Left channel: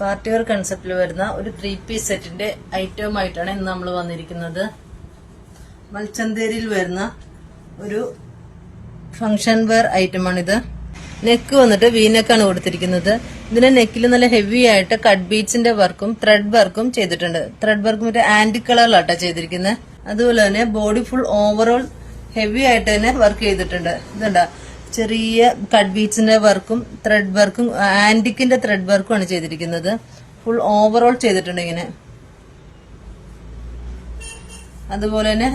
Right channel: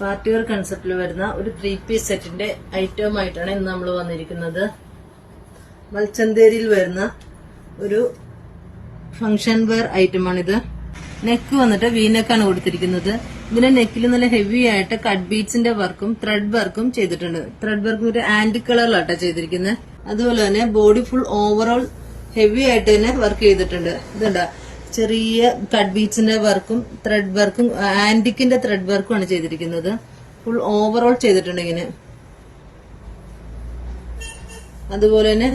Party wear കൺസെപ്റ്റിൽ വരുന്ന ഒരു 3-പീസ് സെറ്റിന്റെ ഐറ്റം ആയിട്ടാണ് ഇന്ന് നമ്മൾ വന്നിരിക്കുന്നത്. മൽച്ചന്തേരിയിൽ വരുന്ന ഒരു ഫംഗ്ഷൻ വെയർ ഐറ്റമാണിത്. നെക്ക് വന്നിട്ട് വീനെക്കാണ് കൊടുത്തിരിക്കുന്നത്. ഇതിന്റെ നെക്കിൽ നല്ല ഹെവി ആയിട്ട് കട്ട് ബീഡ്സിന്റെ വർക്കും ത്രെഡ് വർക്കും ചെയ്തിട്ടുണ്ട്. ത്രെഡ് വർക്കും ഒരു ആന്റി കളറിലാട്ടോ ചെയ്തിരിക്കുന്നത്. അതുപോലെ തന്നെ ബോഡി ഫുൾ ഓവറോൾ ഹെവി ആയിട്ട് തന്നെ വർക്ക് ചെയ്തിട്ടുണ്ട്. ഇതുണ്ടാ ചെറിയ കട്ട് ബീഡ്സിന്റെ വർക്കും ത്രെഡ് വർക്കും ആന്റിക്കിന്റെ ത്രെഡ് വർക്കും ആണ് ചെയ്തിരിക്കുന്നത്. ഫുൾ ഓവറോൾ ചെയ്തിട്ടുണ്ട് ഇങ്ങനെ. അതുപോലെ തന്നെ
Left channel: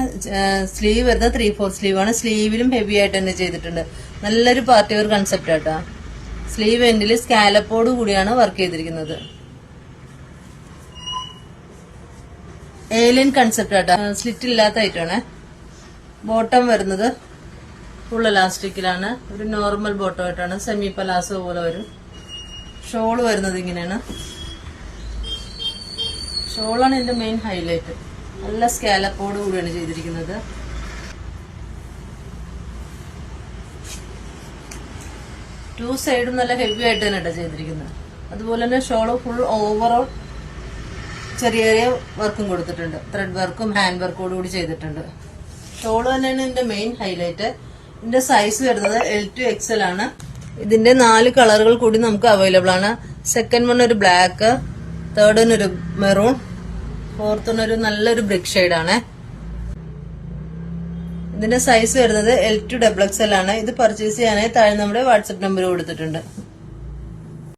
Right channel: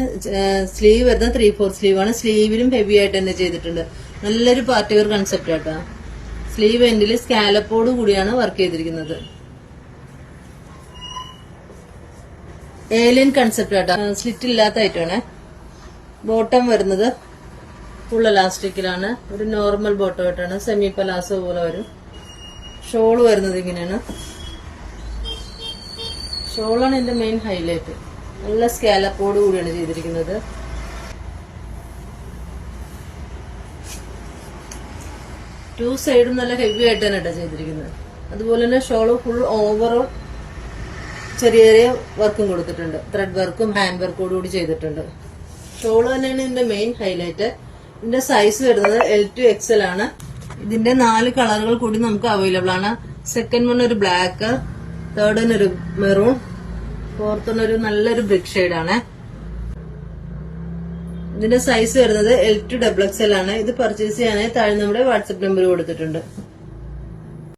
സ്ലീവ് വരുന്ന 3/4 സ്ലീവ് ആണ്. സ്ലീവിലും ഹെവി ആയിട്ട് തന്നെ ചെയ്തിട്ടുണ്ട്. നല്ലൊരു പാർട്ടി വെയർ കൺസെപ്റ്റ് ആട്ടാ. സ്ലീവ് എൻഡിൽ സ്കാലപ്പോട് കൂടിയാണ് വർക്ക് ചെയ്തിരിക്കുന്നത്. ഏലിയൻ കൺസെപ്റ്റ് ആട്ടാ. സ്ലിറ്റ് ഇല്ലാത്ത ഐറ്റമാണ്. ബോട്ടം വരുന്നത് ഫുൾ എലാസ്റ്റിക്കിലാണ്. ഒരു നോർമൽ ബോട്ടം ആയിട്ടാണ്. സെമി പലാസോ പോലെ വരും. ഷോള് വരുന്നത് ഇങ്ങനെയാണ്. ഷോളാണ് ഇതിന്റെ മെയിൻ ഹൈലൈറ്റ്. നല്ല സ്കാലപ്പോട് കൂടിയാണ് ചെയ്തിരിക്കുന്നത്. ടു സൈഡും നല്ല ഹെവി ആയിട്ട് തന്നെ ചെയ്തിരിക്കുന്നത്. അതുപോലെ തന്നെ ഷോള് ഫുൾ ഓവറോൾ ചെറിയ ചെറിയ വർക്കും കൊടുത്തിട്ടുണ്ട്. ത്രെഡ് വർക്കും ഹാൻഡ് വർക്കോട് കൂടി ചെയ്തിട്ടുണ്ട്. ഷോള് തന്നെയാണ് ഇതിന്റെ മെയിൻ ഹൈലൈറ്റ്. ഇതിന്റെ സൈസ് വരുന്നത് L to XL ആണ്. ഇതിന്റെ 4 കളറുകൾ കൂടി നമുക്ക് അവൈലബിൾ ആണ്. സെക്കൻഡ് വൺ ഒരു ബ്ലാക്ക്, തേർഡ് വൺ ഒരു മെറൂൺ, ഫോർത്ത് വൺ ഒരു നല്ലൊരു ബ്രിക്ക് ഷെയ്ഡ് ആണ്. ഇതിന്റെ സൈസ് വരുന്നത് L to XXL ആണ്. ഇത് പർച്ചേസ് ചെയ്യാനായി താഴെ നമ്മുടെ വാട്സ്ആപ്പ് നമ്പർ കൊടുത്തിട്ടുണ്ട്.